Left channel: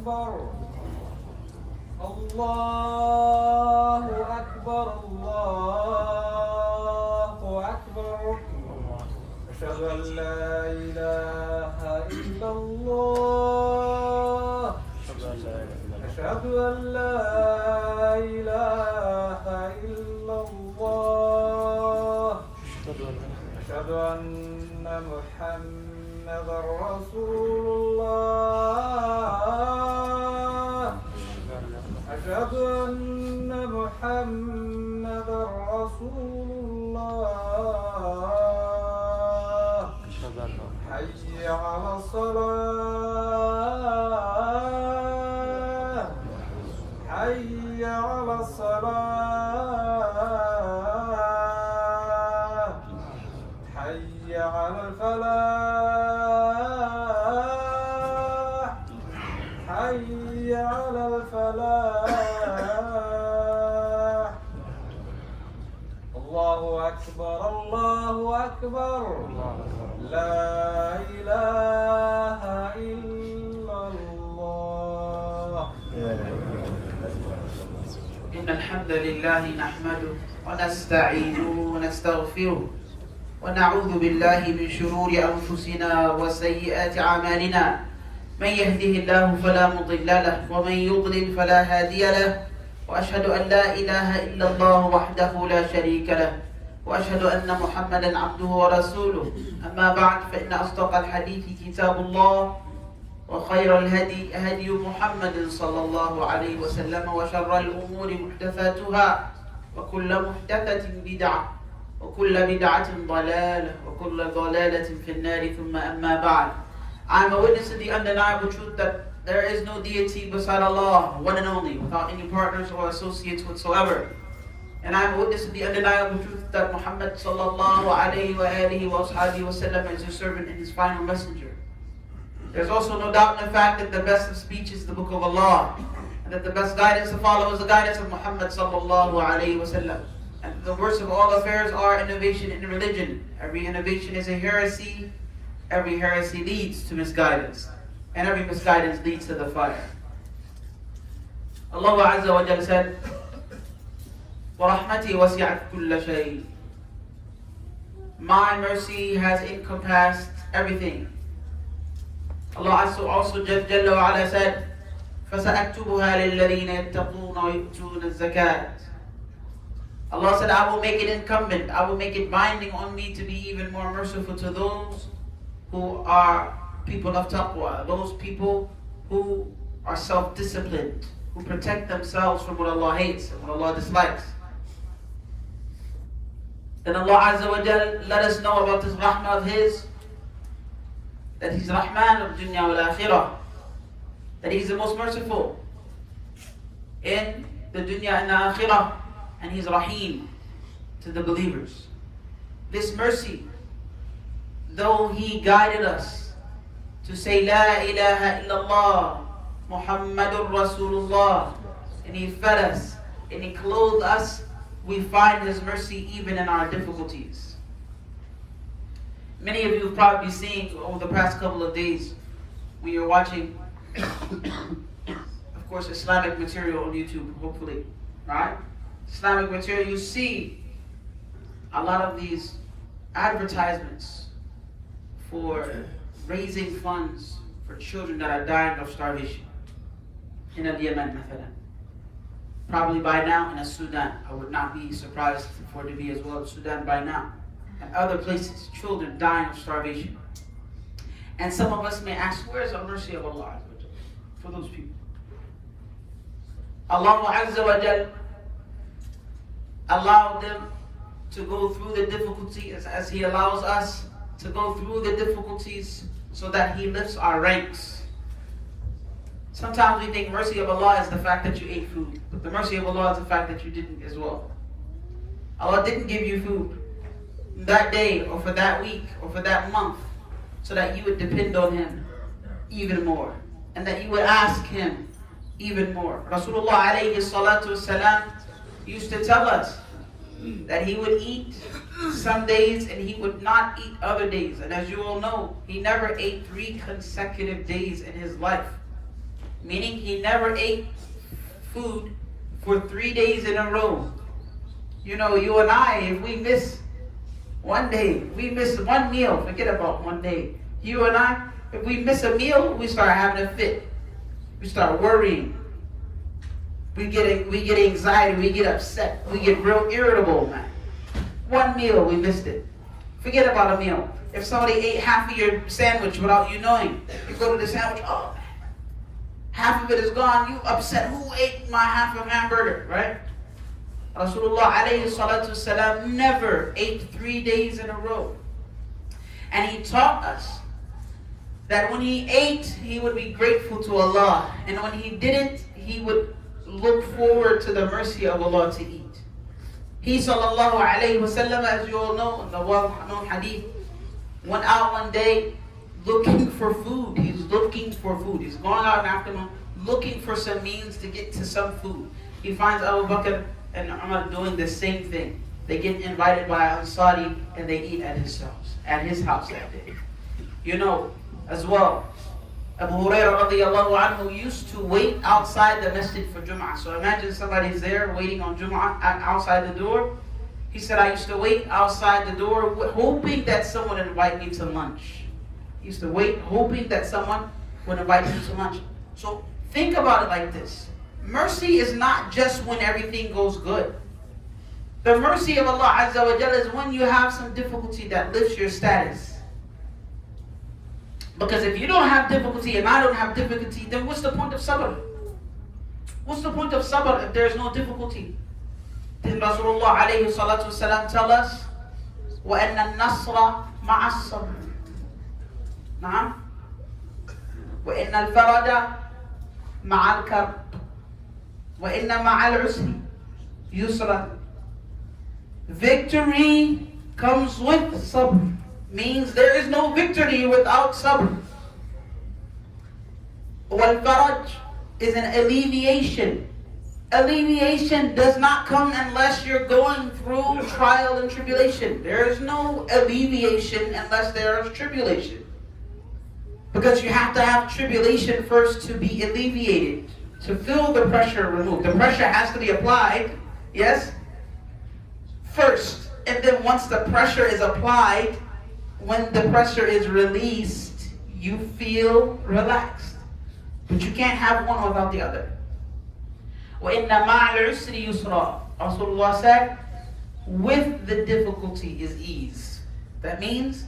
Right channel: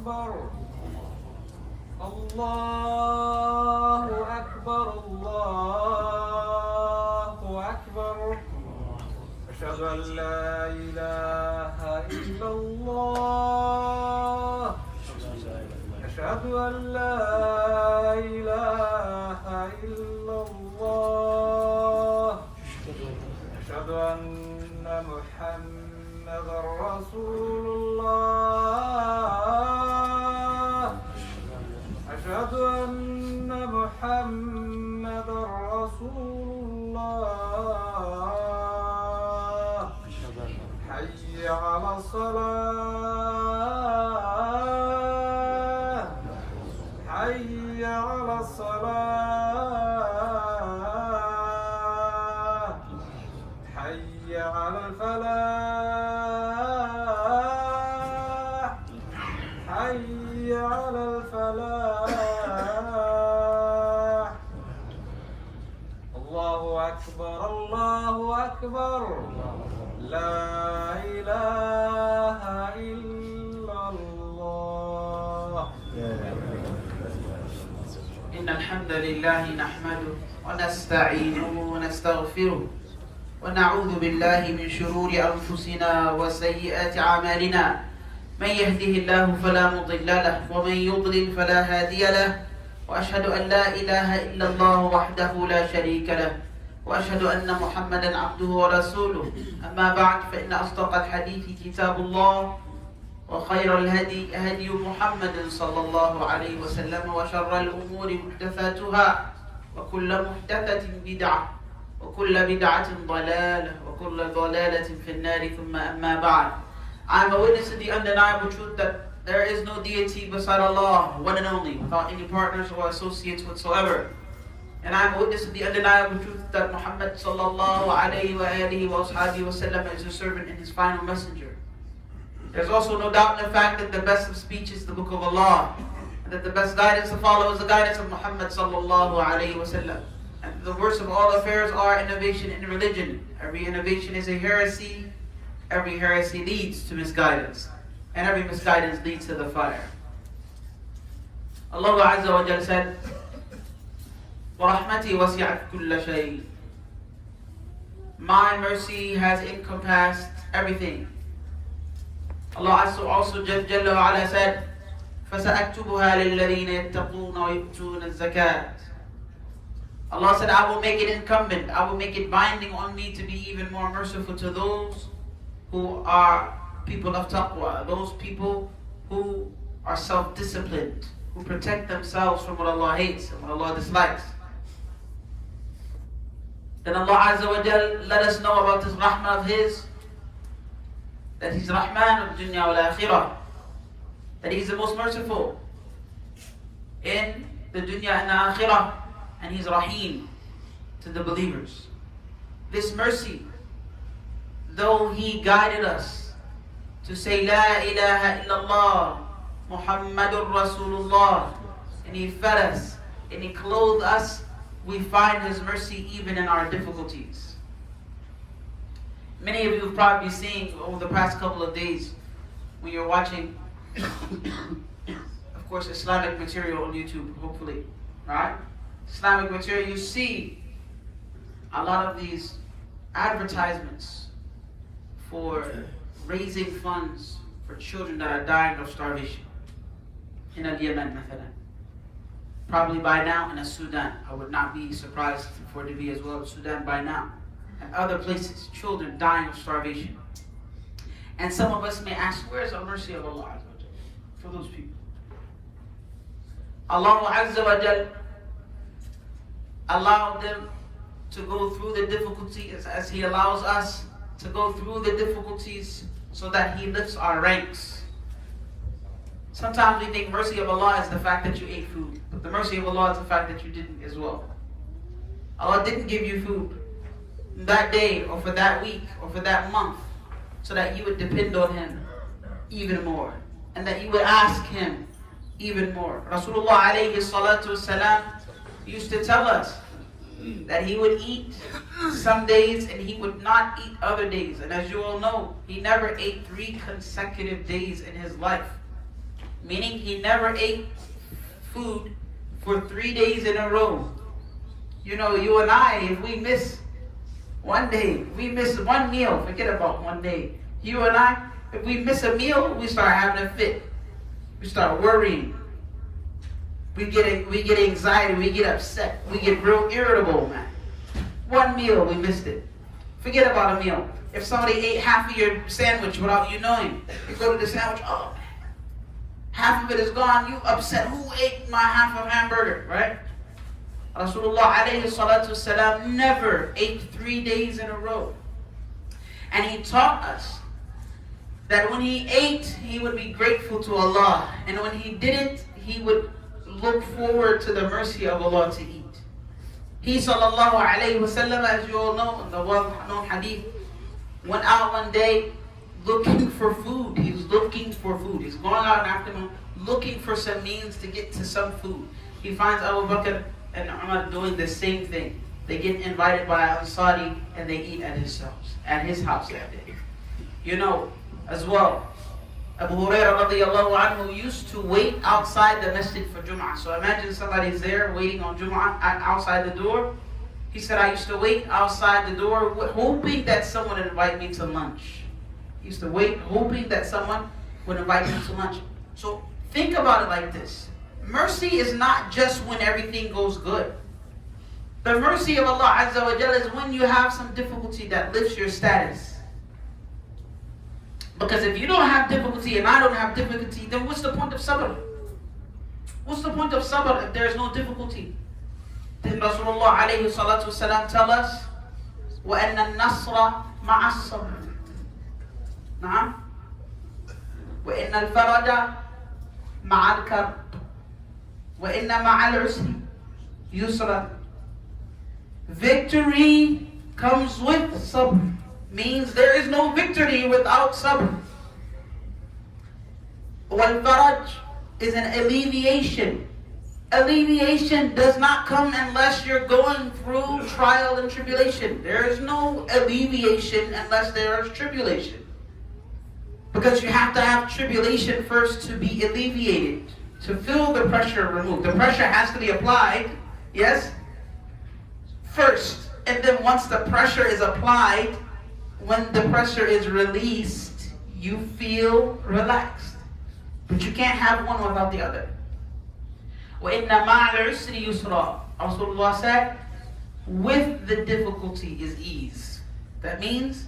أكبر الله أكبر الله أكبر أشهد أن لا إله إلا الله أشهد أن لا إله إلا الله أشهد أن محمدا رسول الله أشهد أن محمدا رسول الله حي على الصلاة حي على الصلاة حي على الفلاح حي على الفلاح الله أكبر الله أكبر لا إله إلا الله. إن الحمد لله نحمده ونستعينه ونستغفره ونعوذ بالله من شرور أنفسنا وسيئات أعمالنا. من يهده الله فلا مضل له ومن يضلل فلا هادي له وأشهد أن لا إله إلا الله وحده لا شريك له وأشهد أن محمدا عبده ورسوله. أما بعد فإن أصدق الحديث كتاب الله وخير الهدي هدي محمد صلى الله عليه وسلم وشر الأمور محدثاتها وكل محدثة بدعة وكل بدعة ضلالة وكل ضلالة في النار ثم أما بعد. I am a witness to the undeniable truth that there is no deity beside Allah, one and only, without any partners or associates whatsoever. And I am a witness to the undeniable truth that Muhammad sallallahu alayhi wa alihi wa ashabihi wa sallam is his servant and his final messenger. There's also no doubt in the fact that the best of speech is the book of Allah, and that the best guidance to follow is the guidance of Muhammad sallallahu alayhi wa sallam. And the worst of all affairs are innovation in religion. Every innovation is a heresy. Every heresy leads to misguidance, and every misguidance leads to the fire. Allah Azza wa Jal said, وَرَحْمَتِي وَسِعَتْ كُلَّ شَيْءٍ. My mercy has encompassed everything. Allah also Jalla wa Ala said, فَسَأَكْتُبُهَا لِلَّذِينَ يَتَّقُونَ وَيُؤْتُونَ الزَّكَاةَ. Allah said, I will make it incumbent, I will make it binding on me to be even more merciful to those who are people of taqwa, those people who are self-disciplined, who protect themselves from what Allah hates and what Allah dislikes. Then Allah Azza wa Jal let us know about this rahmah of His, that He's Rahman of dunya wal akhirah, that He's the most merciful in the dunya and the akhirah, and He's Rahim to the believers. This mercy, though He guided us to say La ilaha illallah Muhammadur Rasulullah, and He fed us and He clothed us, we find His mercy even in our difficulties. Many of you have probably seen over the past couple of days when you're watching of course Islamic material on YouTube, hopefully, right? Islamic material, you see a lot of these advertisements for raising funds for children that are dying of starvation in Yemen, mathalan. Probably by now in Sudan. I would not be surprised for it to be as well in Sudan by now. And other places, children dying of starvation. And some of us may ask, where is the mercy of Allah for those people? Allah Azza wa Jal allowed them to go through the difficulties as He allows us to go through the difficulties so that He lifts our ranks. Sometimes we think mercy of Allah is the fact that you ate food, but the mercy of Allah is the fact that you didn't as well. Allah didn't give you food that day or for that week or for that month so that you would depend on Him even more and that you would ask Him even more. Rasulullah alayhi salatu wasalam used to tell us that He would eat some days and He would not eat other days. And as you all know, He never ate 3 consecutive days in His life. meaning he never ate food for 3 days in a row. You know, you and I, if we miss one day, we miss one meal, forget about one day. You and I, if we miss a meal, we start having a fit. We start worrying. We get anxiety, we get upset, we get real irritable, man. One meal, we missed it. Forget about a meal. If somebody ate half of your sandwich without you knowing, you go to the sandwich, oh man, half of it is gone, you upset. Who ate my half of hamburger, right? Rasulullah alayhi salatu wasalam never ate 3 days in a row. And he taught us that when he ate, he would be grateful to Allah. And when he didn't, he would look forward to the mercy of Allah to eat. He sallallahu alayhi wasallam, as you all know, in the well-known hadith, went out one day looking for food. He's looking for food. He's going out in the afternoon looking for some means to get to some food. He finds Abu Bakr and Umar doing the same thing. They get invited by Ansari and they eat at his house that day. You know, as well, Abu Hurairah radiallahu anhu used to wait outside the masjid for Jum'ah. So imagine somebody's there waiting on Jum'ah outside the door. He said, I used to wait outside the door hoping that someone would invite me to lunch. He used to wait hoping that someone would invite me to lunch. So think about it like this. Mercy is not just when everything goes good. The mercy of Allah Azza wa Jalla is when you have some difficulty that lifts your status. Because if you don't have difficulty and I don't have difficulty, then what's the point of sabr? What's the point of sabr if there is no difficulty? Did Rasulullah alayhi salatu wasalam tell us, وَأَنَّ النَّصْرَ مَعَ الصَّبْرِ نعم وَإِنَّ الْفَرَجَ مَعَ الْكَرْبِ وَإِنَّ مَعَ الْعُسْرِ يُسْرًا. Victory comes with sabr. Means there is no victory without sabr. Wal-faraj is an alleviation. Alleviation does not come unless you're going through trial and tribulation. There is no alleviation unless there is tribulation. Because you have to have tribulation first to be alleviated, to feel the pressure removed. The pressure has to be applied, yes, first. And then once the pressure is applied, when the pressure is released, you feel relaxed. But you can't have one without the other. وَإِنَّ مَعَ الْعُسْرِ يُسْرًا. Rasulullah said, with the difficulty is ease. That means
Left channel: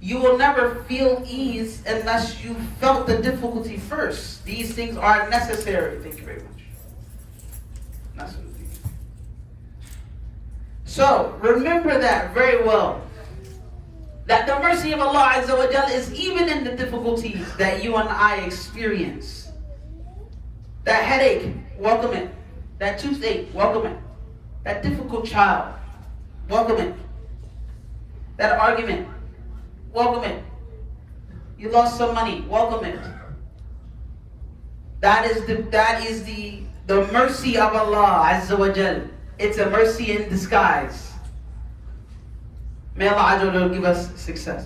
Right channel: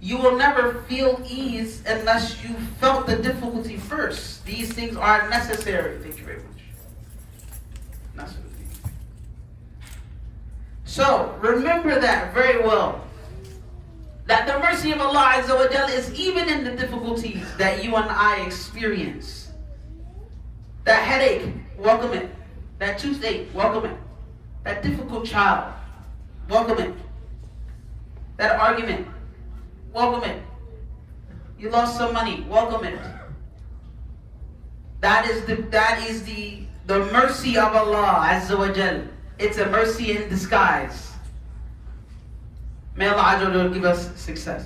you will never feel ease unless you felt the difficulty first. These things are necessary. Thank you very much. Necessary. So, remember that very well. That the mercy of Allah Azza wa Jalla is even in the difficulties that you and I experience. That headache, welcome it. That toothache, welcome it. That difficult child, welcome it. That argument, welcome it. You lost some money, welcome it. That is the mercy of Allah Azza wa Jalla. It's a mercy in disguise. May Allah Azza wa Jalla give us success.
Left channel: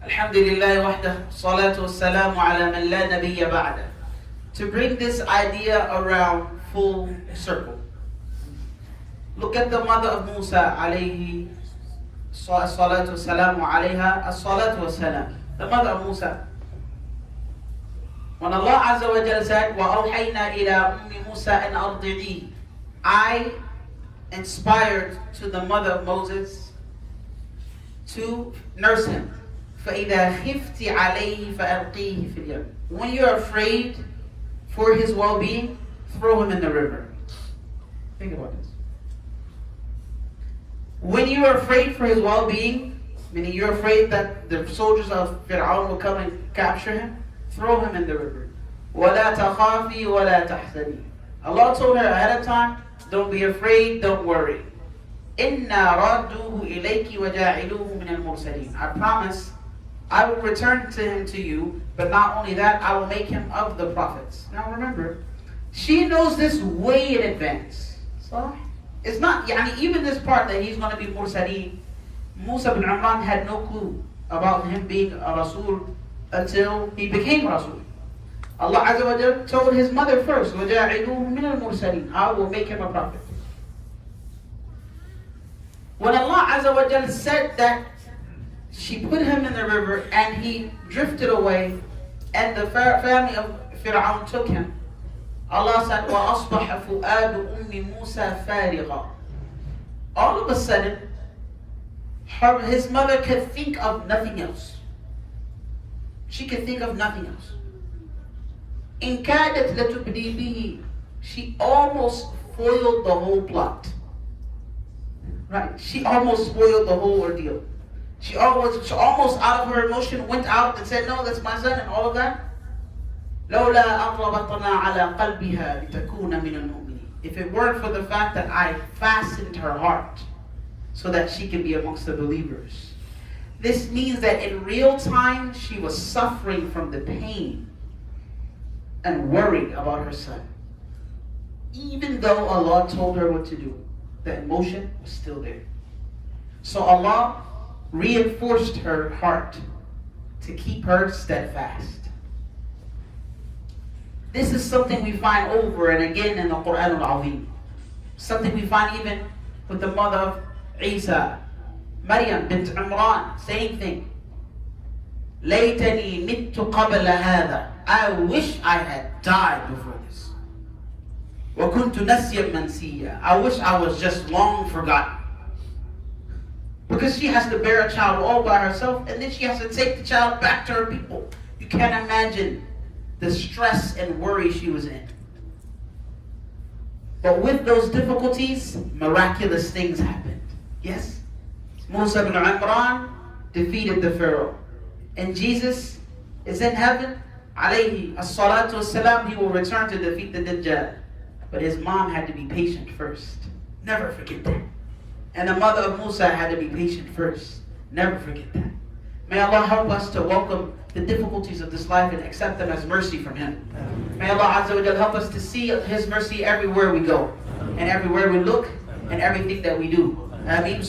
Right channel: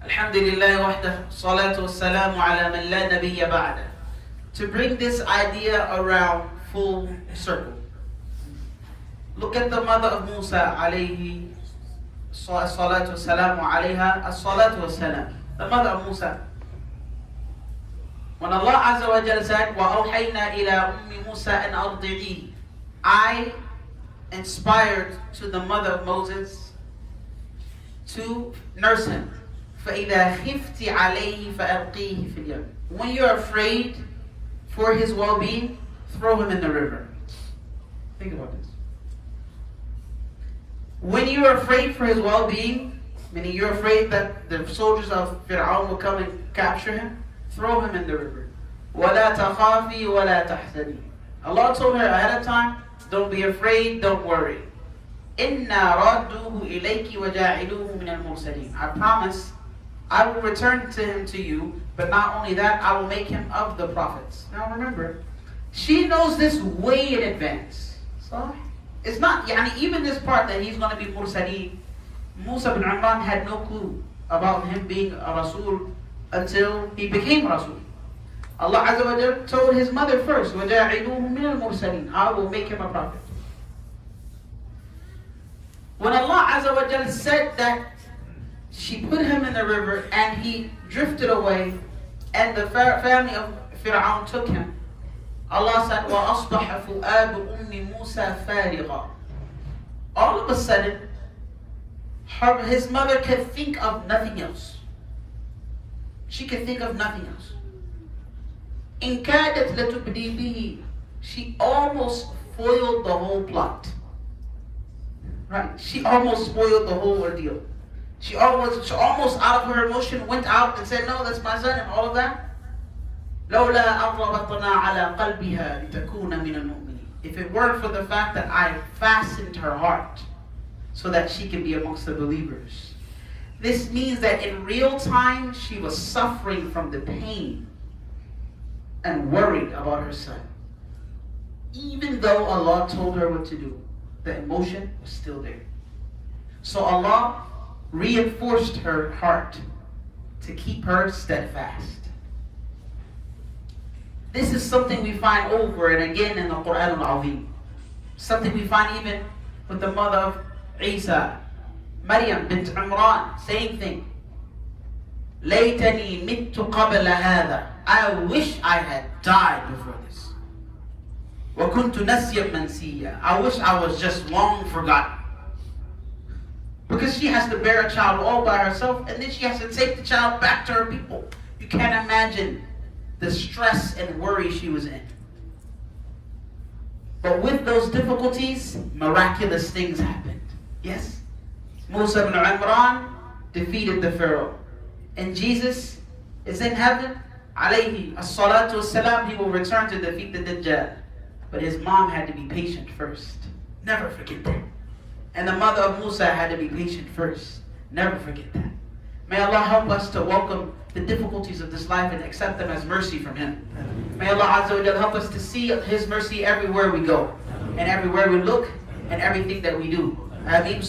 Alhamdulillah wahdah, salatu wassalamu ala man la nabiyya ba'da. To bring this idea around full circle. Look at the mother of Musa alayhi salatu wassalamu alayha as-salatu wassalam. The mother of Musa. When Allah Azza wa Jalla said, وَأَوْحَيْنَا إِلَىٰ أُمِّ مُوسَىٰ أَنْ أَرْضِعِيهِ, I inspired to the mother of Moses to nurse him. فَإِذَا خِفْتِ عَلَيْهِ فَأَلْقِيهِ فِي الْيَمِّ. When you're afraid for his well-being, throw him in the river. Think about this. When you're afraid for his well-being, meaning you're afraid that the soldiers of Fir'aun will come and capture him, throw him in the river. وَلَا تَخَافِي وَلَا تَحْزَنِي. Allah told her ahead of time, don't be afraid, don't worry. إِنَّا رَادُّوهُ إِلَيْكِ وَجَاعِلُوهُ مِنَ الْمُرْسَلِينَ. I promise I will return to him to you, but not only that, I will make him of the prophets. Now remember, she knows this way in advance. So it's not, even this part that he's going to be Mursaleen, Musa bin Imran had no clue about him being a Rasul until he became Rasul. Allah Azza wa Jal told his mother first, وَجَاعِلُوهُ مِنَ الْمُرْسَلِينَ. I will make him a prophet. When Allah Azza wa Jal said that she put him in the river and he drifted away and the family of Fir'aun took him, Allah said, وَأَصْبَحَ فُؤَادُ أُمِّ مُوسَى فَارِغًا. All of a sudden, his mother could think of nothing else. She could think of nothing else. إِنْ كَادَتْ لَتُبْدِي بِهِ. She almost foiled the whole plot. Right? She almost spoiled the whole ordeal. She almost out of her emotion went out and said, no, that's my son and all of that. لولا أَرْغَبَطْنَا عَلَى قَلْبِهَا لِتَكُونَ مِنَ الْمُؤْمِنِينَ. If it weren't for the fact that I fastened her heart so that she can be amongst the believers. This means that in real time she was suffering from the pain and worried about her son. Even though Allah told her what to do, the emotion was still there. So Allah reinforced her heart to keep her steadfast. This is something we find over and again in the Quran Al-Azim. Something we find even with the mother of Isa, Maryam bint Imran, same thing. لَيْتَنِي مِتُّ قَبْلَ هَذَا. I wish I had died before this. وَكُنْتُ نَسْيًا مَنْسِيًّا. I wish I was just long forgotten. Because she has to bear a child all by herself, and then she has to take the child back to her people. You can't imagine the stress and worry she was in. But with those difficulties, miraculous things happened. Yes? Musa bin Imran defeated the Pharaoh. And Jesus is in heaven. Alayhi As-Salaam, he will return to defeat the Dajjal. But his mom had to be patient first. Never forget that. And the mother of Musa had to be patient first. Never forget that. May Allah help us to welcome the difficulties of this life and accept them as mercy from Him. May Allah Azza wa Jal help us to see His mercy everywhere we go, and everywhere we look, and everything that we do. Ameen.